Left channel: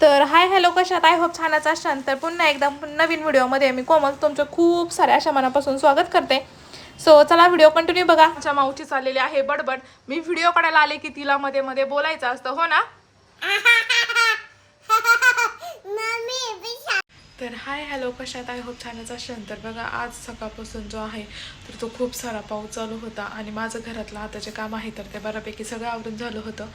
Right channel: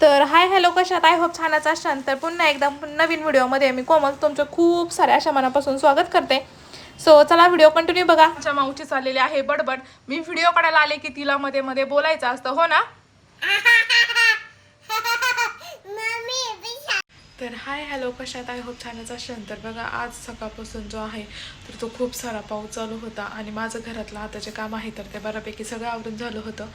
तर hi hello कशात I hope छानच असाल तर पुन्हा एकदा नवीन व्हिडिओमध्ये मी कोमल तुमचं खूप साऱ्या अशा मनापासून स्वागत करते. सो चला व्हिडिओ कंटिन्यू बघा. आमच्या माऊची चाललेली आहे बडबड. मी व्हिडिओ काढायला आले की तिला मध्ये मध्ये बोलायचं असतं हो ना? तर हाय हॅलो कशात आय होप छानच असेल. तर बघा आज सकाळपासून जो आहे तर तो खूप सारा पाऊस चालू होता आणि माझं घरातलं आता जे काम आहे तर ते बऱ्यापैकी सगळं आवरून झालं होतं.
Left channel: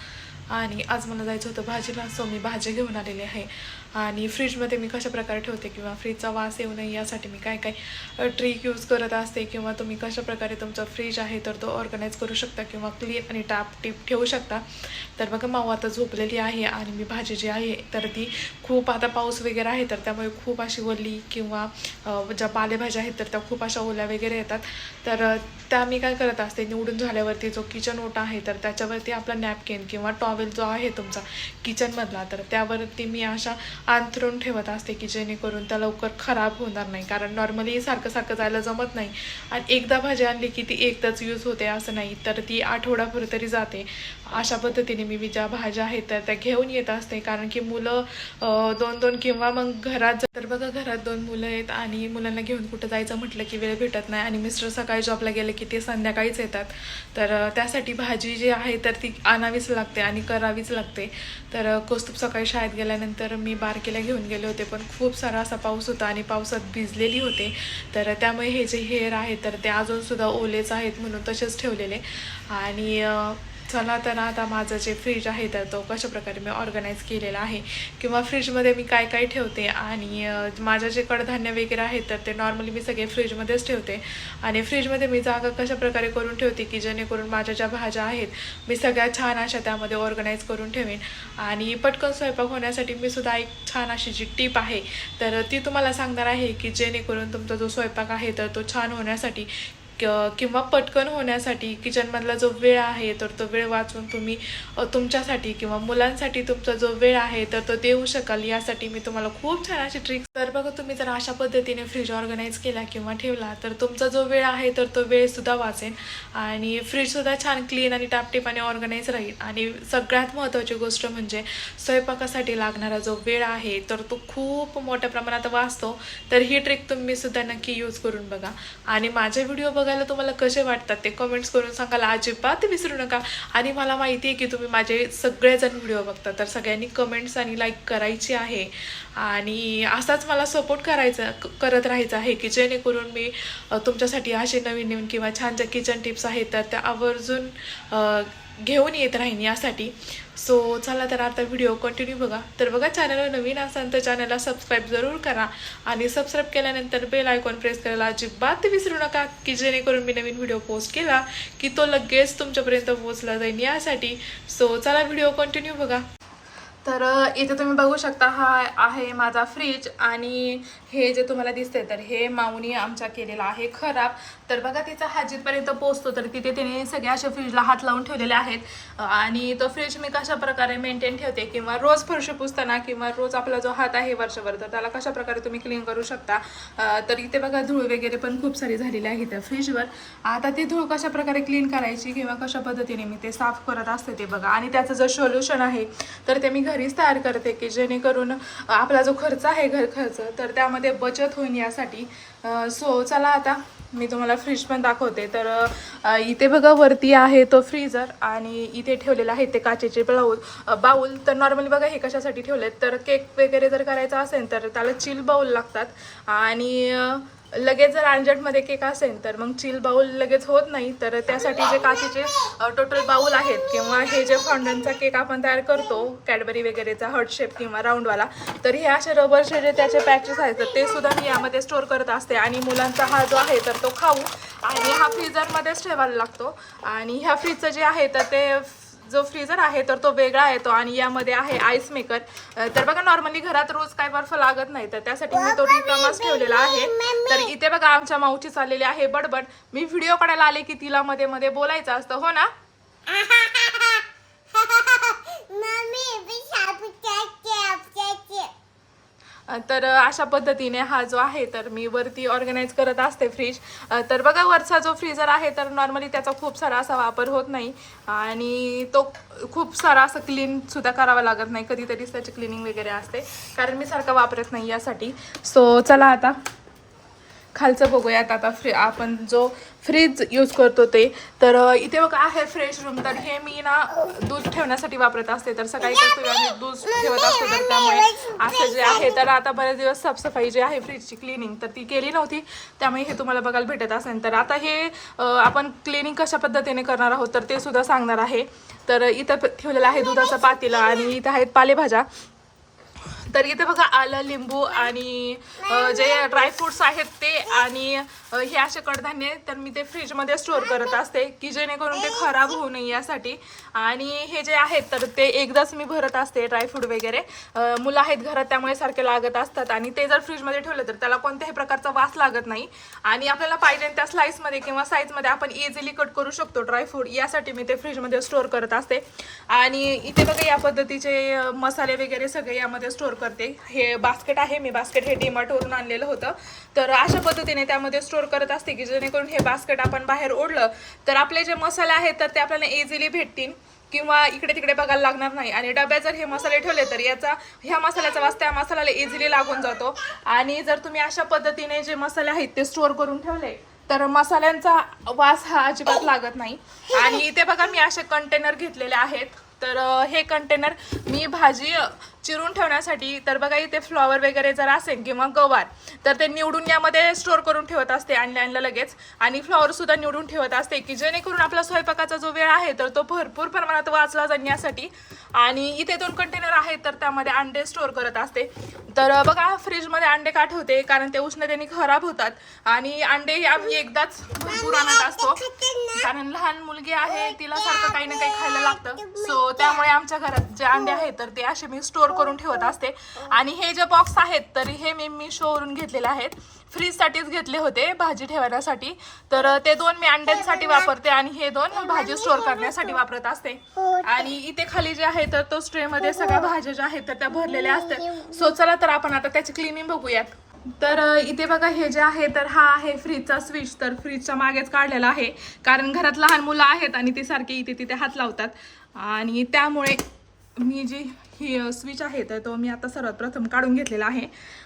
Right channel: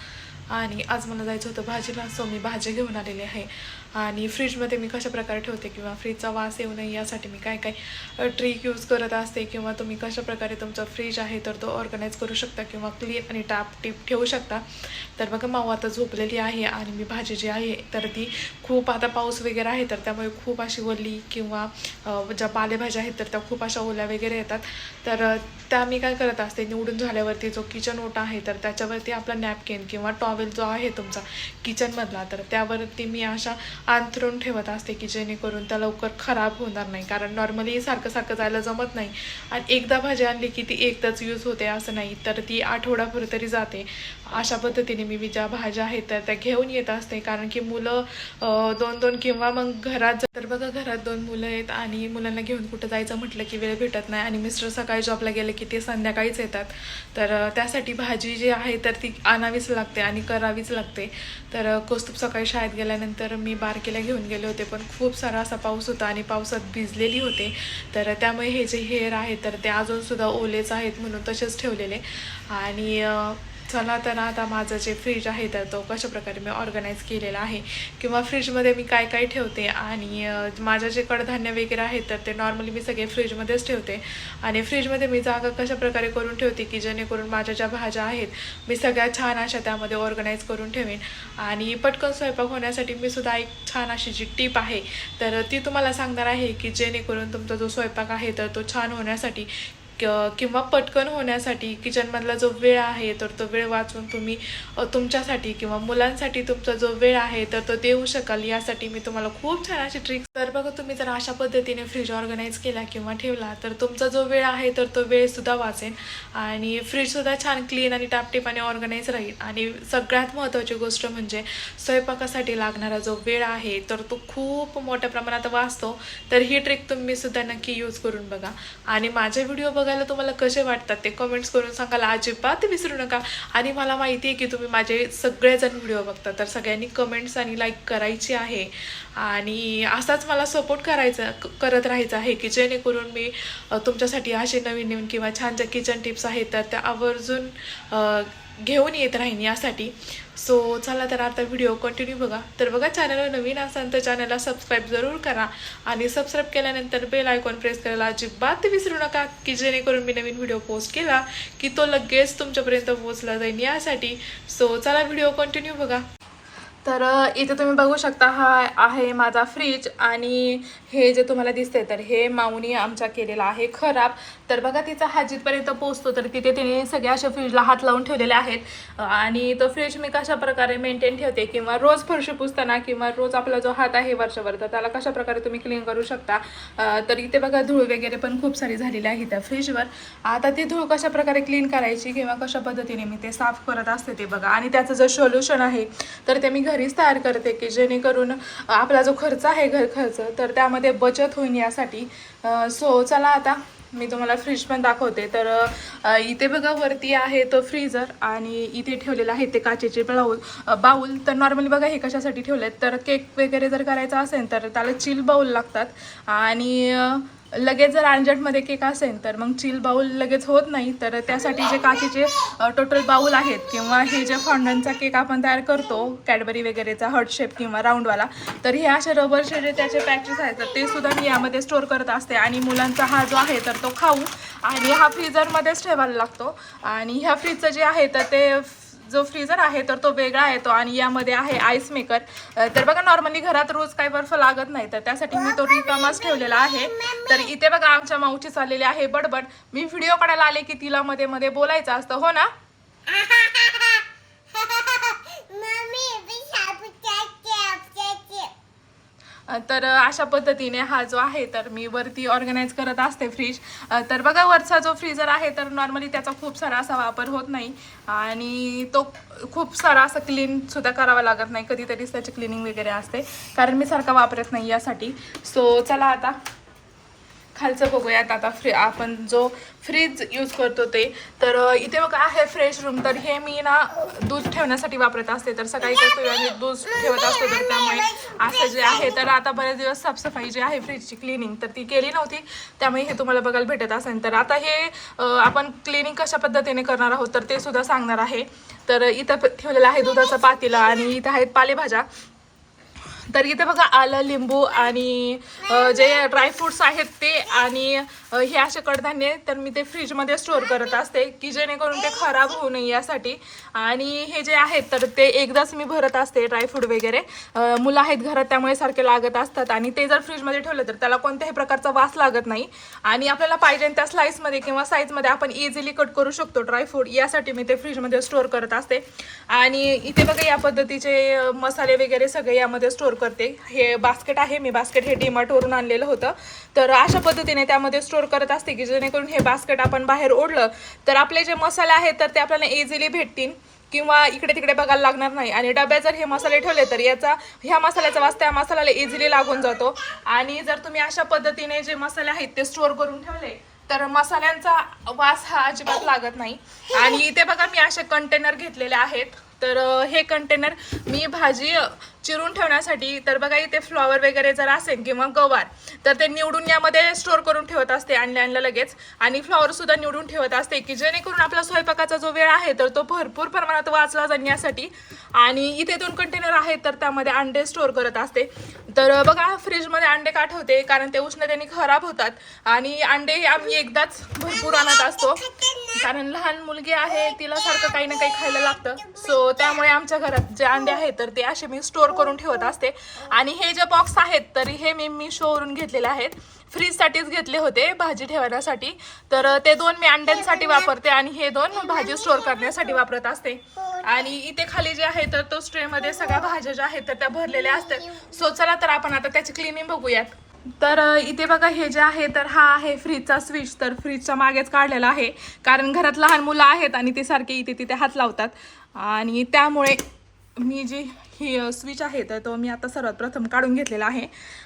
आणि आज मला जायचं होतं भाजीला सो मी भाजी घेऊन आलेली आहे. आणि फ्रीजमध्ये मी कशा प्रकारे ठेवते किंवा फ्रीजचा वास येऊ नये यासाठी मी काय काय ट्रिक यूज करत असते किंवा तुम्ही कशा प्रकारे तुमचा फ्रीज आहे तर तो ऑर्गनाईज करू शकता किंवा क्लीन आणि टाप टीप ठेवू शकता. तर बघा माऊ आता झोपलेली आहे आणि मी भाजी जी आहे तर ती खूप आता पाऊस वगैरे आहे तर त्यामुळे खूप खूप अशी वल्ली किंवा ज्या पालेभाज्या आहेत तर त्या खूप अशा ओल्या वगैरे येतात. तर त्या मी काय करत असते निवडून झाल्यावरती जो किचन ओटा आहे तर त्याच्यावरती आपला नॅपकिन किंवा टॉवेल जो आहे तुमचा किचनमधला तर त्यावरती मी अशा अंथरून ठेवत असते की जेणेकरून त्या लवकर खराब होणार नाही. कारण नॉर्मली सारखं सारखं जायला जमत नाही. आणि एकदा भाजी आणली की ती एकदाच यूज होते असं नाही तर ती आठवडाभर तरी जाते. अशा पद्धतीने मी ज्या भाज्या आहेत तर त्या घेऊन येत असते. कारण की मुलं दोन दोन किंवा मग घरात जर- तर बघा घरात दोन मुलं आहेत आणि मुलांना घेऊन कुठं जायचं म्हटलं की वेळ भेटत नाही आणि मिस्टर सकाळी जॉबला गेले की ते संध्याकाळीच येतात. तर त्यासाठी भाजी जी आहे तर ती आणावीच लागते आणि करावीच लागते. तर कौस्तुभ सकाळी शाळेत गेल्यानंतर मी बारकेला घेऊन गेले होते पण खूप सारा असा पाऊस होता आणि पावसात भिजलेली होते. तर त्यामुळे हे जे हेअर आहे तर ते अजूनसुद्धा ओलेच आहेत म्हणून तसेच ठेवलेले. आणि चला तर आता माझं जे फ्रीज आहे तर तो कशा प्रकारे मी ऑर्गनाईज केलेला आहे किंवा फ्रीजमध्ये मी काय काय ठेवते आणि माझं जे कडधान्य वगैरे आहे तर ते नॉर्मली मी सगळे फ्रीजमध्येच ठेवते. आणि फ्रीजमध्ये मी जागा कशाप्रकारे करून ठेवते की जेणेकरून माझ्या ज्या भाज्या आहेत मी सगळ्या छान अशा त्यामध्ये ऑर्गनाईज करून ठेवेन. आणि पटकन स्वयंपाक होण्यासाठी मी सुद्धा एक छान अशी जी टीप आहे तर ती तुम्हाला सांगणार आहे की जेणेकरून तुमचा जो स्वयंपाक आहे तर तो छान होण्यासाठी किंवा पटकन होण्यासाठी किचनमधला जो वेळ आहे तर तो वेळ वाचून तुम्ही तुमच्यासाठी किंवा मुलांसाठी तुमचा जो वेळ आहे तर तो देऊ शकाल. यासाठी मी तुम्हाला खूप छान अशी ट्रिक्स तर बघा तुम्ही जर अशा पद्धतीने फ्रीज ऑर्गनाईज केला किंवा ठेवला तर तुमचा जो वेळ आहे तर तो वेळसुद्धा वाचेल आणि फ्रीजसुद्धा छान क्लीन आणि टापटीपाने ऑर्गनाईज राहील. आणि सगळ्यात महत्त्वाची गोष्ट म्हणजे स्वयंपाकासाठी लागणारा जो वेळ आहे तर तो खूप मोठ्या प्रमाणात वाचतो. तर ही ट्रिक तुम्ही सुद्धा नक्की यूज करून बघा. आणि माझे व्हिडिओ बघायला तुम्हाला कसे वाटतात ते कमेंट्स करून सांगायला अजिबात विसरू नका. आणि मला माहिती आहे की तुम्ही माझे सगळेजण व्हिडिओ बघता. तर सगळ्यांनी कमेंट्स आणि लाईक करायची आहे. आणि असाच मला सपोर्ट करायचा क- करत राहायचं आहे की जेणेकरून मी तुमच्यासाठी असे नवीन नवीन किंवा छान ज्या किचन टिप्स आहेत तर त्या आवर्जून घेऊन येत राहीन यासाठी. सो चला तर आता व्हिडिओ कंटिन्यू बघा. तर बघा चॅनलवर नवीन असाल तर चॅनलला सबस्क्राईब जरूर करा. आणि सबस्क्राईब केल्यानंतर बेल आयकॉन प्रेस करायला अजिबात विसरू नका की जेणेकरून मी नवीन व्हिडिओ पोस्ट केला की तो लगेच तुमच्यापर्यंत पोहोचला जाईल यासाठी. सो चला व्हिडिओ कंटिन्यू बघा. तर इथे तुम्ही बघू शकता हा आहे माझा फ्रीज आणि हे जे तुम्हाला दिसतंय तर हे माऊनी आमच्या केलेला आहे खराब. तर बघा तिचा हाजीतपर्यंत जिथपर्यंत पोचतो तर तिथे तिने सगळ्या अशा फ्रीजला हात लावून ठेवलेले आहेत. आणि तो फ्रीज मी कशा प्रकारे मेंटेन ठेवते किंवा रोज फरशी पुसताना किंवा रोज आपला जो हात आहे वर्षभर तर त्याला कशा प्रकारे तुम्ही क्लीन करू शकता? तर इथे बघा धूळ वगैरे पण खूप सारी झालेली आहे त्या फ्रीजवर आता ती धूळ कशा प्रकारे क्लीन करायची किंवा कशा पद्धतीने मी ते साफ करत असते ते बघा. आणि त्याचं जर सोल्युशन आहे तर ते मी घरीच तयार करते की जेणेकरून आपला जो खर्च आहे घर खर्च तर त्यामध्ये बचत होईल यासाठी. सो चला आता मी तुम्हाला फ्रीज पण दाखवते. तर इथे बघा वरती आहे तो फ्रीजर आणि इथे ठेवलेला आहे ते काचेचे बाऊल बाऊल. तर नॉर्मली बघा हे कशासाठी ठेवलेत? तर केक वगैरे जर करायचा असेल तर त्याला चिल बाऊल लागतात. आणि लगेच जर अंजटमध्ये केक असेल तर मग चिल बाऊल लगेच होत नाही. तर त्यासाठी जे काचेचे टोटल बाऊल आहेत किंवा हे जे फॉन्डनचा केक आपण तयार करतो कॅडबरी वगैरेचा हर्ट शेप किंवा राऊंडवाला तर हे असे रबरचे जे त्याचे पॅचेस आहेत तर ते सुद्धा मी यामध्ये स्टोअर करत असते. आणि मुलांचा हा जो आहे तर तो खाऊ. आणि हा फ्रीजरमध्येच ठेवायला लागतो. आणि ह्या फ्रीजचं जे आहे तर ते जो फ्रीजर आहे तर तो वेगळा येतो आणि यामध्ये आहे आईस मेकर तर बघा नॉर्मली घरात रोज काही बर्फ लागत नाही तर त्यासाठी मी तो रिकामाच ठेवलेला आहे. तर इथे बघा आमच्या माऊची चाललेली आहे बडबड. मी व्हिडिओ काढायला आले की तिला मध्ये मध्ये बोलायचं असतं हो ना? तर अशा पद्धतीने हा जो आहे तर मी वरती ऑर्गनाईज करत असते फ्रीज तर बघा वरचा जो फ्रीजर आहे तर नॉर्मली त्याचा खूप सारा असा वापर होत नाही. आणि तो खूप सारा असं क्लीनसुद्धा करावा लागत नाही. कधीतरीच त्याची क्लिनिंग वगैरे असते. कारण मी सारखा वापरत नाही यासाठी. सो चला आता. खालचं बघूयात. आता फ्री आपण जो फ्रीज यूज करतो ते तर इथे बघा आहे फ्रेश रूम तर हे मी ना दूध ठेवण्यासाठी वापरत असते. तर सकाळी कसं आम्ही दूध ठेवत असतो तर त्यामुळे असं जे आहे तर आता बरेच दिवस साफसफाई जी आहे फ्रीजची क्लिनिंग तर ती केली नव्हती. त्यामुळे हे तुम्हाला बघायला भेटत असेल. तर आता हे आपण क्लिनिंग कशा पद्धतीने करणार आहोत तर ते सुद्धा सांगणार आहे. तर इथं ठेवलेलं आहे दुधाचा पातीला आणि इथं आहेत पालेभाज्या. तर इथे बघा आलं लिंबू आणि जे ड्रायफ्रुट्स आहेत ते आणि हे असे कडधान्य तर मी ते फ्रीजमध्ये स्टोअर करत असते की जेणेकरून ते खराब होऊ नये यासाठी. आणि हे जे आहेत तर ते एकदाच मी भरत असते ड्रायफ्रूट वगैरे. मुलं आहेत घरात त्यामुळे सारखे लागत असतात. आणि ते जर फ्रीजमध्ये ठेवलं तर त्याला कोणत्याही प्रकारचा वास लागत नाही. आणि आपल्याला पाहिजे त्या स्लाईसमध्ये किंवा साईजमध्ये आपण इझिली कट करू शकतो ड्रायफ्रूट यासाठी मी ते फ्रीजमध्ये स्टोअर करत असते. आणि इथे बघा या पद्धतीचे मसाले वगैरे सगळे यामध्ये स्टोअर करते. हे बास्केट आहे मी बास्केट हे डीमार्टवरून आणलेलं होतं. तर अशा पद्धतीने त्यामध्ये स्टोअर करत असते की जेणेकरून हे बास्केट आपण बाहेर ओढलं तर आपले जे मसाले आहेत तर ते आपल्याला इझिली भेटतील किंवा इकडे तिकडे बघायला लागणार नाही. आणि डब्यात जर हे मसाले ठेवले तर याचा ह्या मसाल्याचा वास त्या मसाल्याला इझिली लागून जातो. आणि जर तुम्ही अशा पद्धतीने जे मसाले आहेत ते स्टोअर करून ठेवले तर मसाल्यांचा वास हा अजिबात लागत नाही. आणि इथे बघा मी असे कंटेनर घेतलेले आहेत. तर हे कंटेनर मी भाजी चिरून ठेवण्यासाठी तर बघा इथे फ्लॉवर वगैरे जर असेल किंवा गवार तर ते निवडून यामध्ये स्टोअर करून ठेवत असते आणल्या आणलं लगेच. आणि फ्लॉवरसुद्धा निवडून ठेवत असते की जेणेकरून आपला स्वयंपाकाचा जो वेळ आहे तर तो भरपूर प्रमाणात वाचला जाण्यासाठी. आणि इथे दोन कंटेनर आहेत तर त्यामध्ये अंडे स्टोअर करत असते. तर बघा फ्रीजमध्ये अंडे का ठेवते? कारण ते उष्णतेने खराब होतात. आणि अंडे आम्ही एकदाच भरपूर आणत असतो. कारण लहान मुलगी आहे तिला सारखं काही ना काही खायला लागतं. सो त्यामुळे आमच्या घरात जे अंडे आहेत तर ते असे मी स्टोअर करून ठेवत असते. आणि हे जे बॉक्स आहेत तरी हे मी मी शोवरून घेतलेले आहेत. फ्रीजसाठीच घेतले होते भाजी ठेवण्यासाठी. तर ते दोन मी अंड्यांसाठी वापरते आणि हे दोन भाजी स्टोअर करण्यासाठी वापरत असते. आणि इथे खाली जे आहे तर तो स्ट्रेमध्ये सगळ्या भाज्या ज्या आहेत तर त्या भरलेल्या असतात. सो चला तर आपण आता त्याची क्लिनिंग बघूयात. तर इथे बघा हे जे आहे तर हा आहे फ्रीजचा स्विच तर फ्रीजच्या मागेच काढलेला आहे. कारण घरात लहान मुलं आहेत आणि ते सारखे इथे तिथे हात लावतात. आणि त्यामुळे मी जी ही स्विच आहे तर तो मी आता सर्वात प्रथम काढून घेतलेला आहे.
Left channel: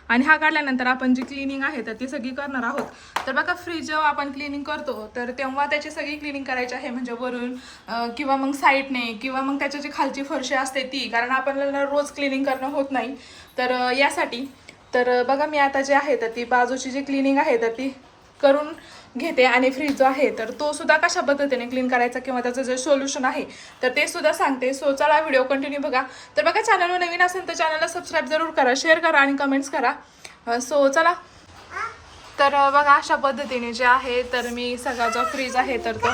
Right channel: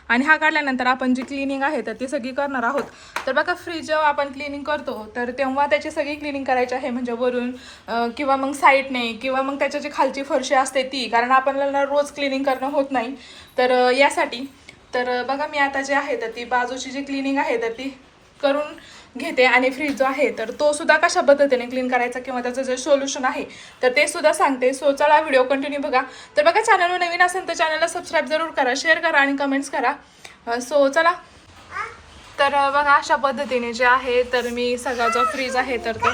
आणि हा काढल्यानंतर आपण जी क्लिनिंग आहे तर ती सगळी करणार आहोत. तर बघा फ्रीज जेव्हा आपण क्लिनिंग करतो तर तेव्हा त्याची सगळी क्लिनिंग करायची आहे म्हणजे वरून किंवा मग साईडने किंवा मग त्याच्या जी खालची फरशी असते ती कारण आपल्याला रोज क्लिनिंग करणं होत नाही. तर यासाठी तर बघा मी आता जी आहे तर ती बाजूची जी क्लिनिंग आहे तर ती करून घेते आणि फ्रीज जो आहे तर तो सुद्धा कशा पद्धतीने क्लीन करायचा किंवा त्याचं जे सोल्युशन आहे तर ते सुद्धा सांगते. सो चला व्हिडिओ कंटिन्यू बघा. तर बघा चॅनलवर नवीन असेल तर चॅनलला सबस्क्राईब जरूर करा शेअर करा आणि कमेंट्स करा. सो चला. तर बघा अशा पद्धतीने जे आहे तर मी सगळा जो फ्रीज आहे तर तो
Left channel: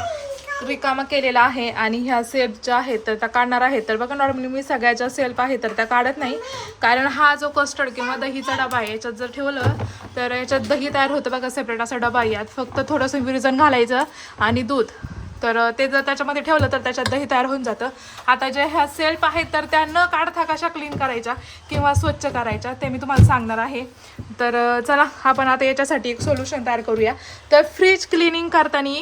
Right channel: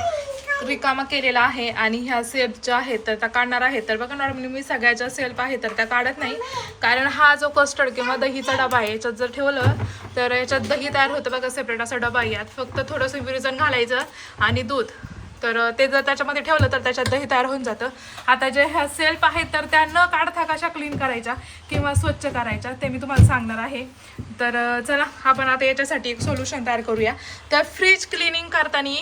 रिकामा केलेला आहे आणि ह्या सेल्फ ज्या आहेत तर त्या काढणार आहे तर बघा नॉर्मली मी सगळ्या ज्या सेल्फ आहे तर त्या काढत नाही. कारण हा जो कस्टर्ड किंवा दहीचा डबा आहे याच्यात जर ठेवलं तर याच्यात दही तयार होतं बघा सेपरेट असा डबा यात फक्त थोडंसं विरजन घालायचं आणि दूध. तर ते जर त्याच्यामध्ये ठेवलं तर त्याच्यात दही तयार होऊन जातं. आता जे ह्या सेल्फ आहेत तर त्या न काढता कशा क्लीन करायच्या किंवा स्वच्छ करायच्या ते मी तुम्हाला सांगणार आहे. तर चला आपण आता याच्यासाठी एक सोल्युशन तयार करूया. तर फ्रीज क्लिनिंग करताना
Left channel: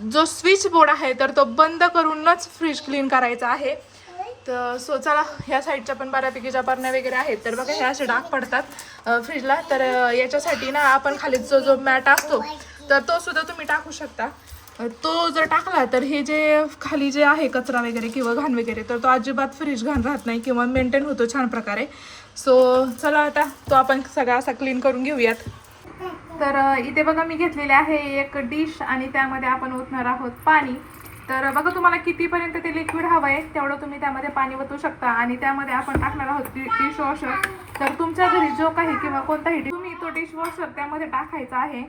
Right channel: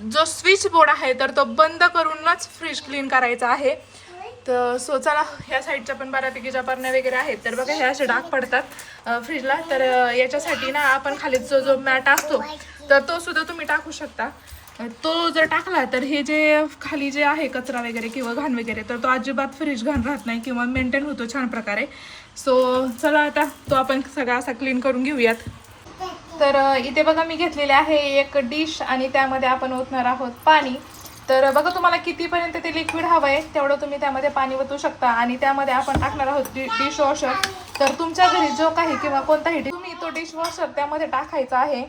जो स्विच बोर्ड आहे तर तो बंद करूनच फ्रीज क्लीन करायचा आहे. तर सो चला ह्या साईडच्या पण बऱ्यापैकी ज्या बरण्या वगैरे आहेत तर बघा हे असे डाग पडतात फ्रीजला तर याच्यासाठी ना आपण खाली जो जो मॅट असतो तर तो सुद्धा तुम्ही टाकू शकता. तो जर टाकला तर हे जे खाली जे आहे कचरा वगैरे किंवा घाण वगैरे तर तो अजिबात फ्रीज घाण राहत नाही किंवा मेंटेन होतो छान प्रकारे. सो चला आता तो आपण सगळा असा क्लीन करून घेऊयात. तर इथे बघा मी घेतलेले आहे एक डिश आणि त्यामध्ये आपण ओतणार आहोत पाणी. तर बघा तुम्हाला कितीपर्यंत ते लिक्विड हवं आहे तेवढं तुम्ही त्यामध्ये पाणी ओतू शकता आणि त्यामध्ये आपण टाकणार आहोत डिश वॉशर तर तुमच्या घरी जो काही किंवा कोणताही तुम्ही तो डिश वॉशर त्यामध्ये टाकायचा आहे.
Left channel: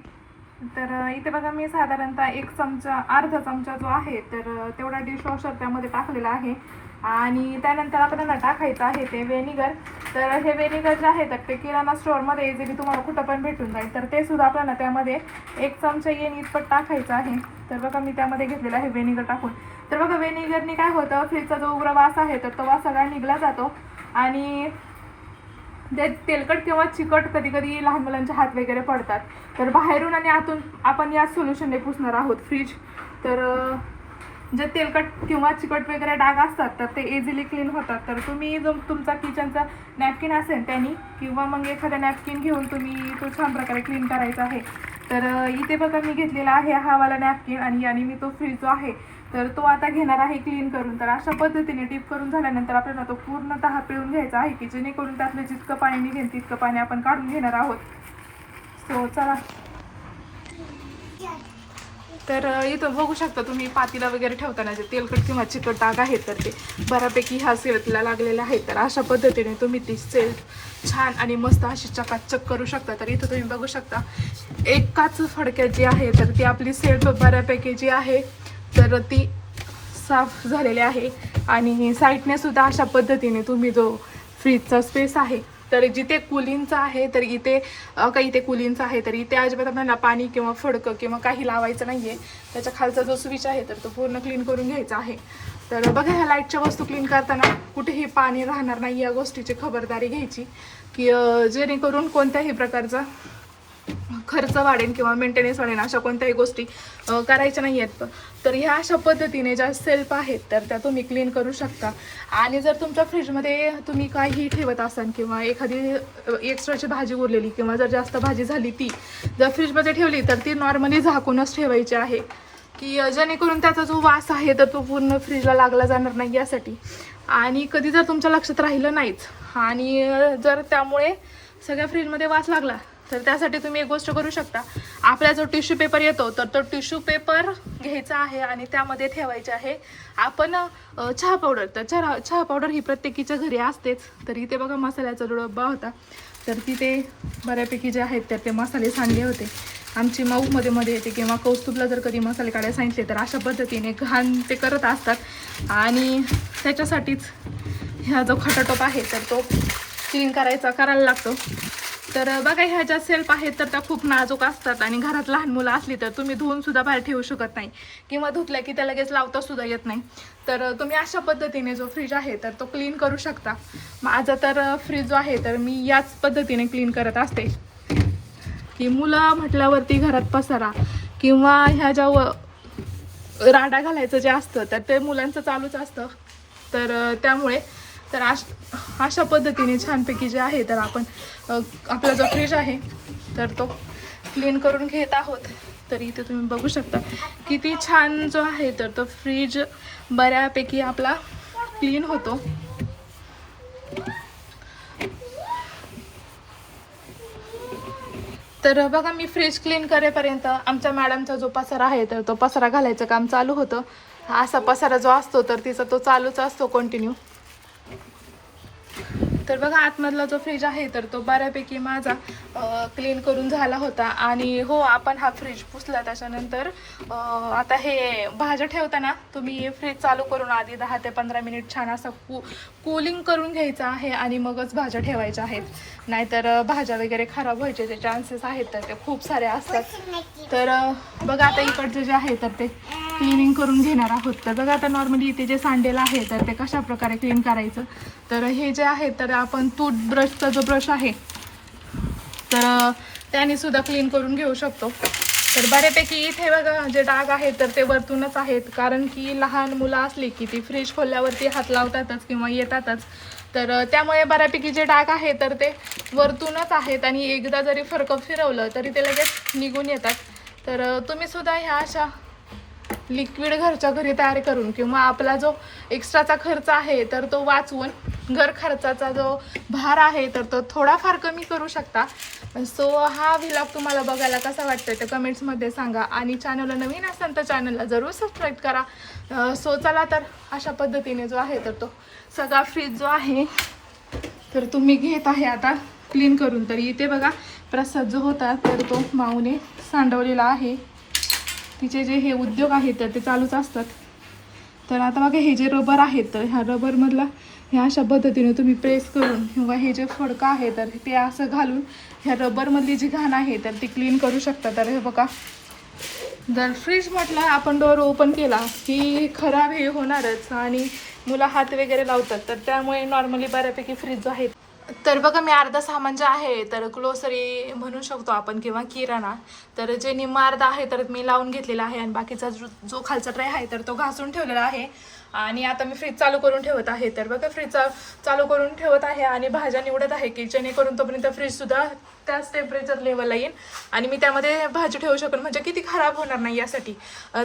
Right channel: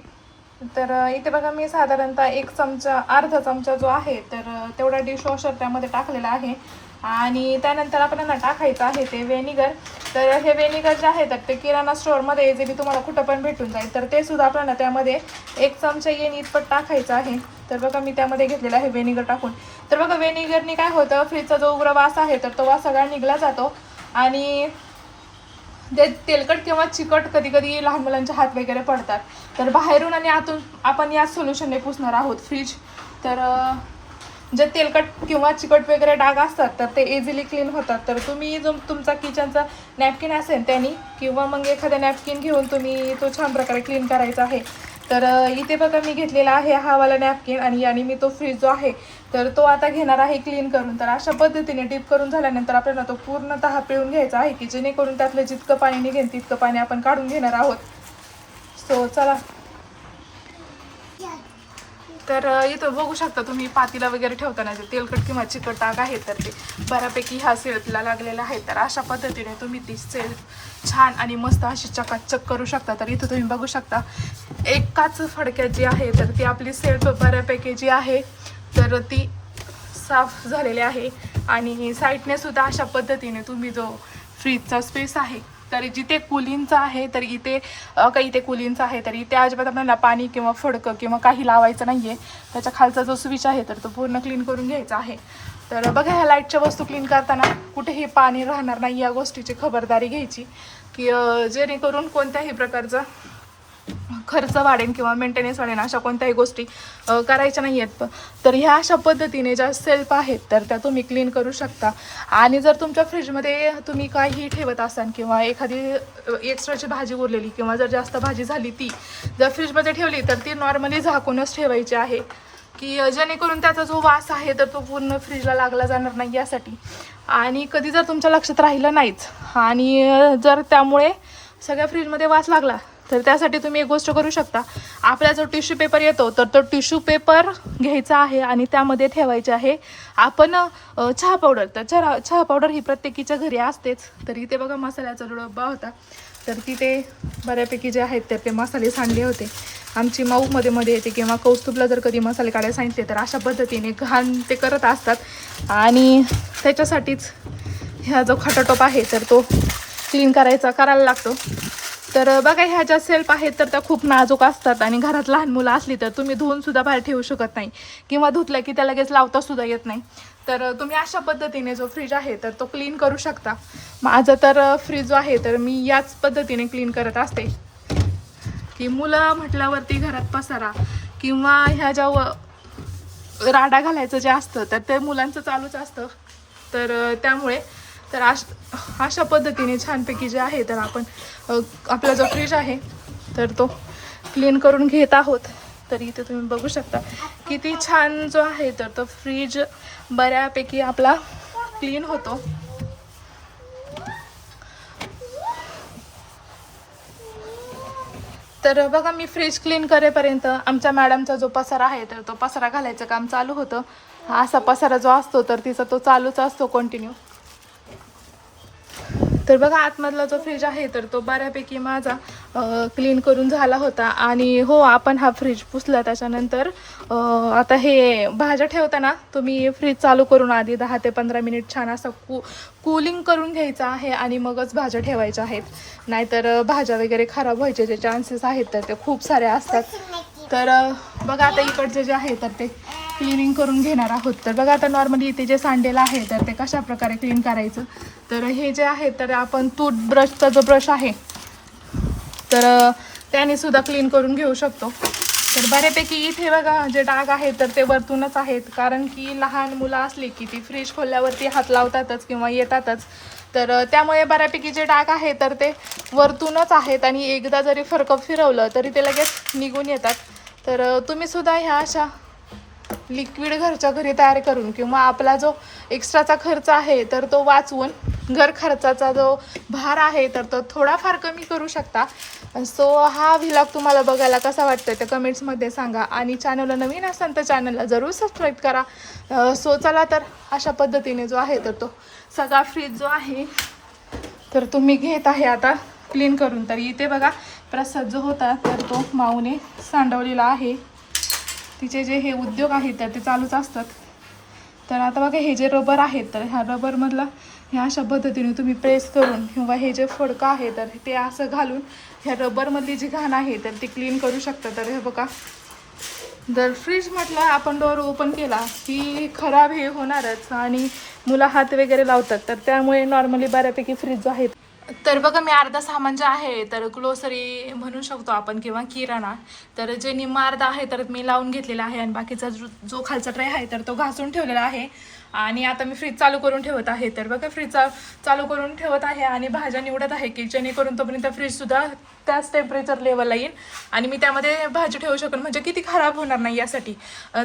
तर इथे बघा मी साधारणतः एक चमचा अर्धा चमचा जो आहे तर तेवढा डिश वॉशर त्यामध्ये टाकलेला आहे. आणि त्यानंतर आपल्याला टाकायचं आहे ते व्हेनिगर तर हे व्हेनिगर जे आहे तर ते किराणा स्टोअरमध्ये इझिली तुम्हाला कुठं पण भेटून जाईल तर ते सुद्धा आपल्याला त्यामध्ये एक चमचा येईन इतपत टाकायचं आहे. तर बघा मी त्यामध्ये घेतलेलं आहे व्हेनिगर टाकून. तर बघा व्हेनिगरनी काय होतं फ्रीजचा जो उग्र वास आहे तर तो वास सगळा निघला जातो. आणि ते तेलकट किंवा चिकट कधी कधी लहान मुलांचे हात वगैरे पडतात. तर बाहेरून आणि आतून आपण या सोल्युशनने पुसणार आहोत फ्रीज तर जे तेलकट किंवा चिकट वगैरे डाग असतात तर ते इझिली क्लीन होतात. तर तुम्ही जो तुमचा किचनचा नॅपकिन असेल त्यांनी किंवा मग एखादा नॅपकिन घेऊन तुम्ही तो छान प्रकारे क्लीन करायचा आहे. तर इथे बघा मी घेतलेला आहे हा वाला नॅपकिन आणि याने मी तो फ्रीज जो आहे तर तो आता घेणार आहे क्लीन करून. तर अशा पद्धतीने डीप करून झाल्यानंतर आपल्याला तो पूर्णतः पिळून घ्यायचा आहे की जेणेकरून त्यातलं जितकं पाणी निघेल तितकं पाणी आपण काढून घेणार आहोत. सो चला. तर इथं बघू शकता तुम्ही पातीला वगैरे ठेवताना जे तेलकट किंवा चिकट डाग आहे तर ते बऱ्यापैकी ह्या सेल्फला लागलेले आहेत. तर अशा पद्धतीने तुम्ही ती सेल्फ छान आणि मस्त अशी चकाचक करू शकता. तर इथं तुम्ही बघू शकता एकाच फडक्यात जी आहे तर ती आपली सेल्फ बऱ्यापैकी जी आहे तर ती साफ झालेली आहे. आणि साईडने सुद्धा अशा पद्धतीने तुम्ही जो फ्रीजचा स्पेस आहे तर जिथे कुलिंगचं आहे तर इथे काही इथे कुलिंगचं आहे तर इथे अजिबात आपल्याला पाणी किंवा फडकं किंवा काही लावायचं नाही आहे त्याच्या खालचा जो स्विच आहे तर तो पूर्ण क्लीन करून घ्यायचा आहे. तर बघा ह्या लाईटच्या वस्तू क्लीन करताना कुठेही पाणी राहणार नाही या गोष्टीची खबरदारी घ्यायची. की जेणेकरून कोणत्याही प्रकारचं खर्च वाढेल किंवा मेंटेनन्स वाढेल अशा कोणत्याही गोष्टी करायच्या नाही आहेत तर ह्या अशा पद्धतीने ज्या सेल्फ आहेत तर त्या तुम्ही क्लीन करू शकता. आणि जर तुमच्या फ्रीजमध्ये तुम्ही काही ठेवत असाल किंवा एखादी एक्स्ट्राची भाजी उरलेली किंवा जर जास्त भाजी झाली ती जर फ्रीजमध्ये ठेवली तर ती नॉर्मली झाकूनच ठेवायची आहे. की जेणेकरून त्याचा जो वास आहे तर तो पूर्ण फ्रीजला लागला जाणार नाही यासाठी. आणि कधी जर तुमच्या लक्षात राहिलं नाहीच आणि जर त्यामुळे सगळ्या फ्रीजमध्ये वास लागला तर त्यासाठी तुम्ही एक गोष्ट करू शकता. आपला जो टिश्यू पेपर येतो तर तो टिश्यू पेपर घ्यायचा आहे आणि त्यामध्ये ठेवायचे आहे. आपण चहा पावडर तर चहा चहा पावडर ही प्रत्येकीच्या घरी असतेच. तर इथे बघा मसाल्याचा जो होता. तर तिथे बऱ्यापैकी जे आहेत तर ते मसाले सांडले होते. आमची माऊ मध्ये मध्ये येते किंवा कौस्तुभला जर कधी मसाले काढायला सांगितले तर अशा पद्धतीने घाण ते करत असतात. आणि त्याच्यासाठीच ह्या जो खटाटोप आहे तर तो क्लीन करायचा करायला लागतो. तर बघा ह्या ज्या सेल्फ आहेत तर त्या खूप नाजूक असतात आणि घरात लहान मुलं असली तर तुम्ही धुवून सुद्धा बाहेर ठेवू शकत नाही. किंवा धुतलं की त्या लगेच लावता सुद्धा येत नाही. तर तुम्ही अशा पद्धतीने जो फ्रीज आहे तर तो क्लीन करू शकता. माझं तर फ्रीज जो आहे तर मी याच पद्धतीने क्लीन करत असते. की मुलं म्हटल्यावरती घरात पसारा. किंवा ह्या ज्या व राडा घालायचं जे असतं तर ते मुलांचं चालूच असतं. तर त्यामुळे तर अश अशा पद्धतीने छानपैकी जे आहे तर आपण आपला जो फ्रीज आहे तर तो क्लीन करून घेत आहोत. तर इथे तुम्ही बघू शकता. किती छान जो आहे तर तो फ्रीज बऱ्यापैकी आपला क्लीन होतो. तर बघा मी फ्रीज क्लीन करेपर्यंत आमच्या मॅडमचा जो पसारा आहे तर तो पसारा घालायचं काम चालू होतं. असा पसारा जो असतो तर तिचा तो चालूच असतो कंटिन्यू तर बघा आतमधला जो फ्रीज आहे तर तो बऱ्यापैकी माझा क्लीन करून झाला होता. आणि हो आपण हा फ्रीज पुसला त्याच्यानंतर आता हे भाज्या ठेवताना तुम्ही फ्रीज चालू करून आधी दहा ते पंधरा मिनिट छान असं कू कूलिंग करून घ्यायचं आहे आणि मगच भाज्या ठेवायच्या आहेत. नाहीतर भाज्या वगैरे खराब व्हायचे जे चान्सेस आहेत तर ते खूप सारे असतात. तर बघा आता इकडचं जे आहे तर ते क्लिनिंग करून घेणार आहोत. तर बघा आता नॉर्मली इथे जे सांडेल आहे तर ते कशा प्रकारे क्लीन करायचं? तर हे जे आहे तर आपण टूथब्रशचा जो ब्रश आहे तर त्याने सुद्धा क्लीन करून घेऊ शकतो. तर बऱ्यापैकी इथे बघा जे डाग आहेत तर ते वरतूनच आहेत. कारण की लहान मुलं असली की ती फ्रीज खोलल्यावरती हात लावतातच किंवा येतातच. तर त्यामुळे बऱ्यापैकी जे डाग आहे तर ते वरतूनच आहेत आणि एकदा जरी फरक फिरवलं तरी ते लगेच निघून येतात. तर तुम्ही सुद्धा ह्या अशा लिक्विड घरच्या घरी तयार करून किंवा आपला जो एक्स्ट्राचा खर्च आहे तर तो वाचवून घर खर्चाचा जो भार आहे तर तो थोडाफार कमी करू शकता. सो हा व्हिलॉग तुम्हाला बघायला कसा वाटतोय तर कमेंट्समध्ये सांगा आणि चॅनलला नवीन असाल तर चॅनलला जरूर सबस्क्राईब करा. सो चला तर अशा पद्धतीने जो आहे तर तो सगळा फ्रीज जो आहे तर तुम्ही घेत आहे आता क्लीन करून. तर इथे बघा प्रसाद जो होता तर तो माऊने सांडवलेला आहे. तिचे जे हे उद्योग आहेत तर ते चालूच असतात. तर आता बघा हे जे रबर आहेत तर ह्या रबरमधला ह्या अशा पद्धतीने तुम्ही प्रेस करून किंवा हे जे फडकं आहे तर ते असं घालून ह्या रबरमधली जी घाण आहे तर ती क्लीन करू शकता. तर हे बघा जर फ्रीज म्हटलं आपण डोअर ओपन केला की खराब हे होणारच आणि मुलं हात वगैरे लावतात तर त्यामुळे नॉर्मली बऱ्यापैकी फ्रीज आहेत तर बघा मी अर्धा सामान जे आहे तर ग्लोसरी म्हणू शकतो आपण किंवा किराणा. तर जे निम्मा अर्धा आहे तर मी लावून घेतलेला आहे आणि बाकीचा जो जो खालचा ट्रे आहे तर तो घासून ठेवलेला आहे. आणि आता मी फ्रीज चालू करून ठेवत आहे. तर बघा फ्रीज चालू करून ठेवत आहे आणि भाज्या निवडत आहे की जेणेकरून तोपर्यंत फ्रीजसुद्धा त्याच टेम्परेचर लेवलला येईल. आणि मी त्यामध्ये भाजी ठेवू शकेन. म्हणजे किती खराब होणार नाही यासाठी.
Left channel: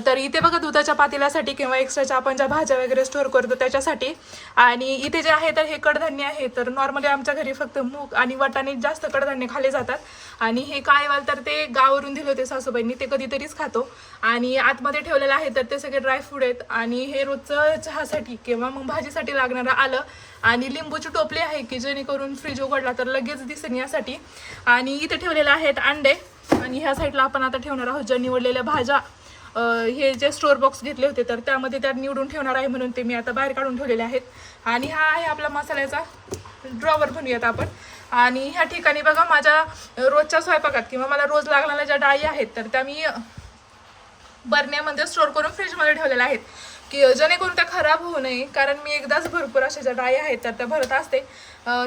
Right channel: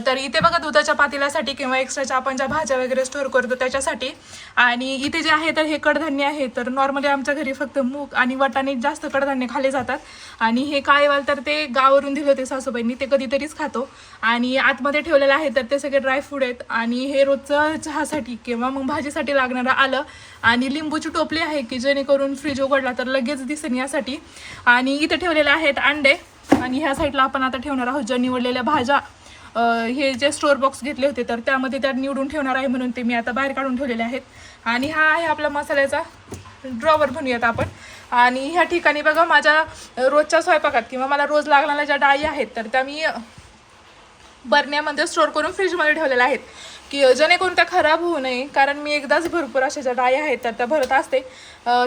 तर इथे बघा दुधाच्या पातेल्यासाठी किंवा एक्स्ट्राच्या आपण ज्या भाज्या वगैरे स्टोअर करतो त्याच्यासाठी. आणि इथे जे आहे तर हे कडधान्य आहे. तर नॉर्मली आमच्या घरी फक्त मूग आणि वाटाणे जास्त कडधान्य खाल्ले जातात. आणि हे काळेवाल तर ते गावावरून दिले होते सासूबाईंनी. ते कधीतरीच खातो. आणि आतमध्ये ठेवलेलं आहे तर ते सगळे ड्रायफ्रूट आहेत. आणि हे रोजचं चहासाठी किंवा मग भाजीसाठी लागणारं आलं आणि लिंबूची टोपली आहे की जेणेकरून फ्रीज उघडला तर लगेच दिसेल यासाठी. आणि इथे ठेवलेले आहेत अंडे. आणि ह्या साईडला आपण आता ठेवणार आहोत ज्या निवडलेल्या भाज्या. हे जे स्टोअर बॉक्स घेतले होते तर त्यामध्ये त्या निवडून ठेवणार आहे म्हणून ते मी आता बाहेर काढून ठेवलेले आहेत. आणि हा आहे आपला मसाल्याचा ड्रॉवर म्हणूयात आपण. आणि ह्या ठिकाणी बघा माझ्या रोजच्या स्वयंपाकात किंवा मला रोज लागणाऱ्या ज्या डाळी आहेत तर त्या मी बरण्यामध्ये स्टोअर करून फ्रीजमध्ये ठेवलेल्या आहेत. की जेणेकरून त्या खराब होऊ नये कारण मी एकदाच भरपूर अशा ज्या डाळी आहेत तर त्या भरत असते.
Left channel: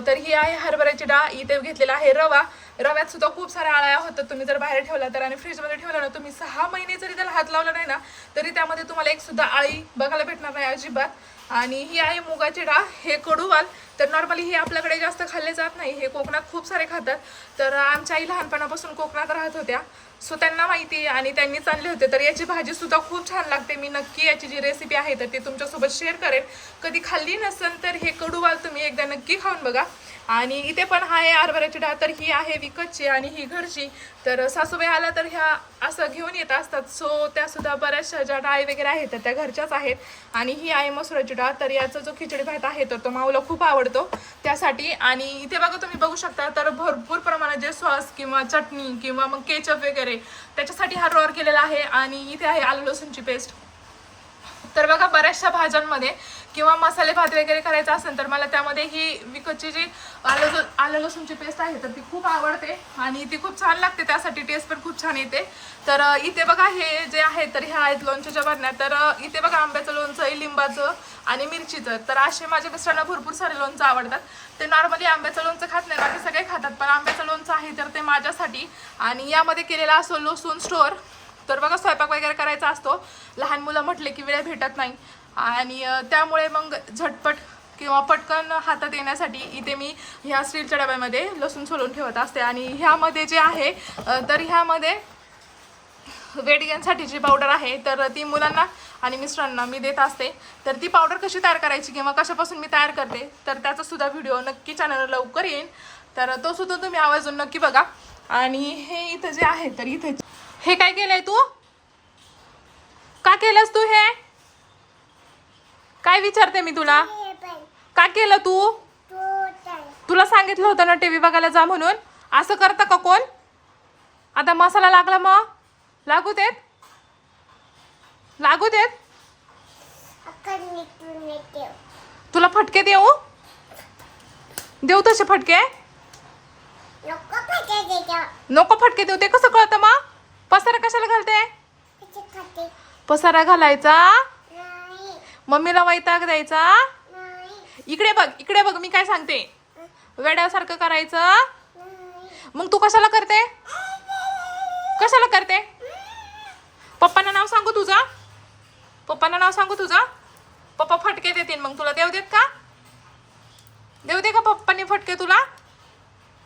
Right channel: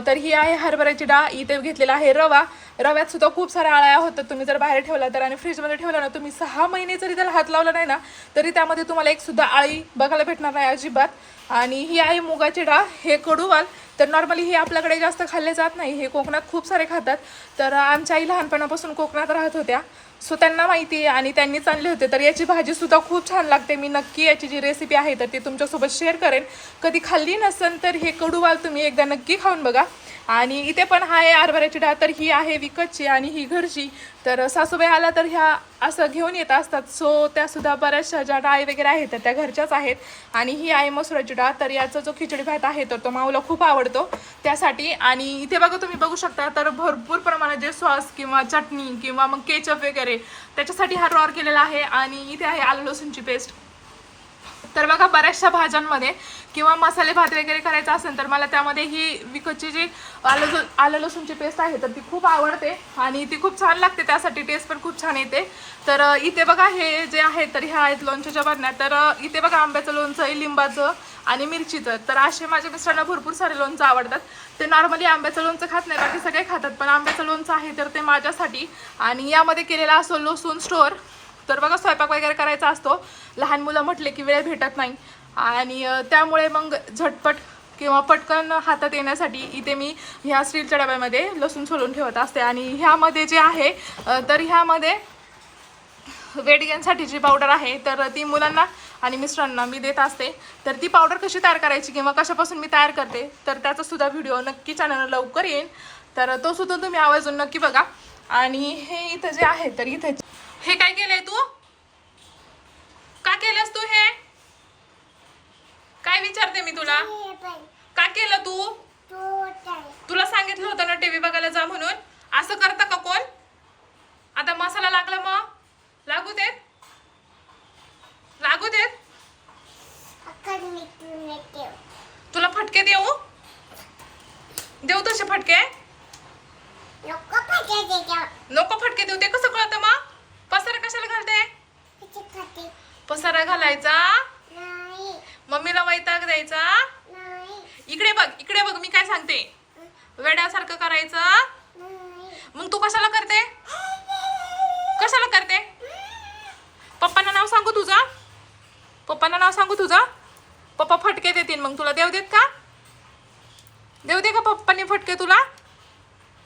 तर ही आहे हरभऱ्याची डाळ. इथे घेतलेला आहे रवा. रव्यात सुद्धा खूप साऱ्या आळ्या होतात. तुम्ही जर बाहेर ठेवला तर आणि फ्रीजमध्ये ठेवला ना तुम्ही सहा महिने जरी त्याला हात लावला नाही ना तरी त्यामध्ये तुम्हाला एक सुद्धा आळी बघायला भेटणार नाही अजिबात. आणि ही आहे मुगाची डाळ. हे कडूवाल. तर नॉर्मली हे आपल्याकडे जास्त खाल्ले जात नाही. हे कोकणात खूप सारे खातात. तर आमच्या आई लहानपणापासून कोकणात राहत होत्या. सो त्यांना माहिती आहे आणि त्यांनीच आणले होते. तर याची भाजी सुद्धा खूप छान लागते. मी नक्की याची जी रेसिपी आहे तर ती तुमच्यासोबत शेअर करेन. कधी खाल्ली नसेल तर हे कडूवाल तुम्ही एकदा नक्की खाऊन बघा. आणि इथे पण आहे हरभऱ्याची डाळ तर ही आहे विकतची आणि ही घरची. तर सासूबाई आल्या तर ह्या असं घेऊन येत असतात. सो त्या सुद्धा बऱ्याचशा ज्या डाळी वगैरे आहेत तर त्या घरच्याच आहेत. आणि ही आहे मसुराची डाळ तर याचा जो खिचडी भात आहे तर तो माऊला खूप आवडतो त्यासाठी. आणि इथे बघा तुम्ही बघू शकता तर भरपूर प्रमाणात जे सॉस किंवा चटणी किंवा मग केचप वगैरे त्याच्यासाठी हा रॉर केलेला आहे. आणि इथे आहे आलू लसूणची पेस्ट तर बघा बऱ्याचशा भाज्यांमध्ये किंवा मसाले भात वगैरे करायचा असेल तर मला त्यामध्ये ही विकतची जी आलं आलं लसूणची पेस्ट आहे तर ती खूप आवडते आणि ती खूप छान लागते. त्यासाठी टेस्ट पण खूप छान येते. तर इथे बघा हे जे आहे तर ह्या आहेत लोणच्याच्या बरण्या तर इथे बघा आंब्याचं लोणचं आहे लिंबाचं आणि मिरचीचं. तर असे माझ्या मिस्टरांना भरपूर सारे लोणचं आवडतात. ते नॉर्मली आंब्याचं लोणचं खात नाही बाकी सगळे खातात. पण आंब्याचं लोणचं आहे तर ते माझ्यासाठी. आणि यामध्ये केलेला असो लसूण स्टोअर तर बघा स्वयंपाक वगैरे करायचा असतो. लहान मुलं म्हटले की वेळ भेटत नाही. आणि त्यामुळे मग झटपट किंवा पटकन हातात येण्यासाठी इथे मी ह्या स्टीलच्या डब्यामध्ये लसूण सोलून ठेवत असते. आणि ह्यामध्ये जे आहे तर ह्यामध्ये वेट गेनसाठीची पावडर आहे तर ती मुलांना आणि मिस्टरांना मी देत असते. तर ती पावडर कशी तयार करायची किंवा कशापासून मी तयार करते तर त्याचासुद्धा व्हिडिओ नक्की चॅनलला लवकर येईल तर तो सुद्धा तुम्ही आवर्जून नक्की बघा. आणि हे इथं जे आहे तर इथे हे काय केलंय तू? का केलंस तू हे? काय विचारते मी तुला? का केलं तू? तुला सांगितलं होतं ना टीव्ही बघायला जा म्हणून. असं करतं का कोण? आता मसाला लागला मग? लागू देत? लागू देत? तुला फटके देऊ? देऊ तसे फटके? नको फटके देऊ. ते कसं कळतं मग? पसारा कशाला घालते? पसारा घालायचा? मम्मीला वैताग द्यायचा? इकडे बघ इकडे बघ मी काय सांगते. वेड्यासारखं करायचं. मग तू कशाला करते? कशाला करते? पप्पांना नाव सांगू तुझं? पप्पांना नाव सांगू तुझं? पप्पा फटके देतील मग तुला. देऊ देत का? देऊ दे का पप्पांनी फटके तुला?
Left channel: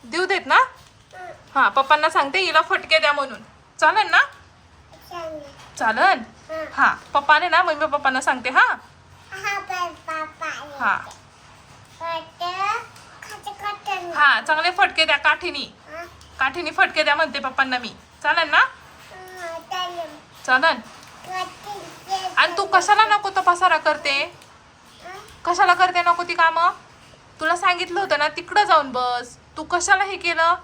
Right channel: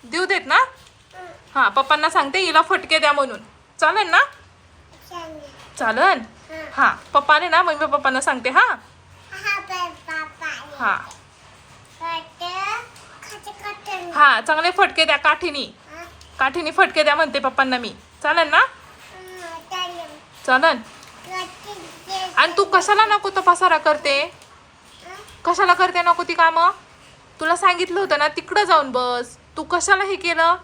देऊ देत ना? हा पप्पांना सांगते हिला फटके द्या म्हणून. चालेल ना? चालन हा. पप्पाने ना मम्मी पप्पांना सांगते हा? हा हा. चांगले फटके द्या काठीनी. काठीनी फटके द्या म्हणते पप्पांना मी. चालेल ना? चालन आणि तू कशाला नको तो पसारा करते कशाला करते नको ती कामं? तुला सांगितलं होतं ना तिकडं जाऊन बस. तू कशाला हे केलं?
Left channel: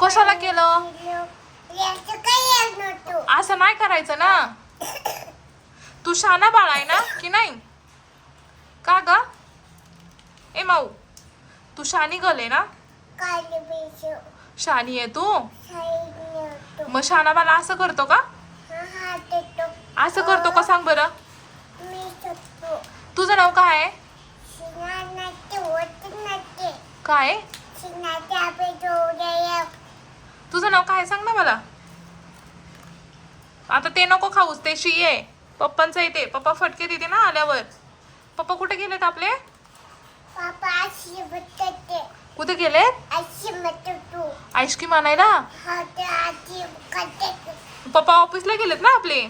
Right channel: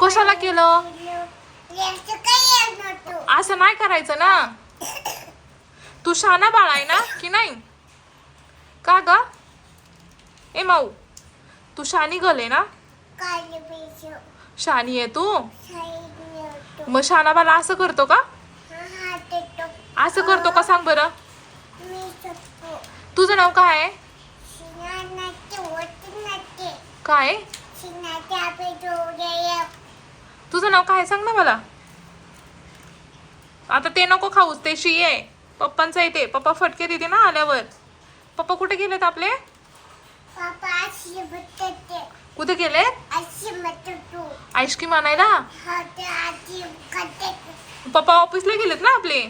कशाला केलं? असं नाही करायचं ना? तू शाना बाळ आहे ना की नाही? का ग? ए माऊ तू शानी गले ना? शानी आहे तू? मग शाना बाला असं करतो का? असं करतो का सांग बरं? तुझं नाव काय आहे? काय? तुझं नाव काय सांग ना मला. आता ते नको खाऊस ते शी आहे. पप्पांचं येते पप्पा फटके देते ना आल्यावर. पप्पा कुठे गेलेत आपले? कुठे गेले आईस्क्रीम आणायला? पप्पा ऑफिसला गेलेत ना आपले?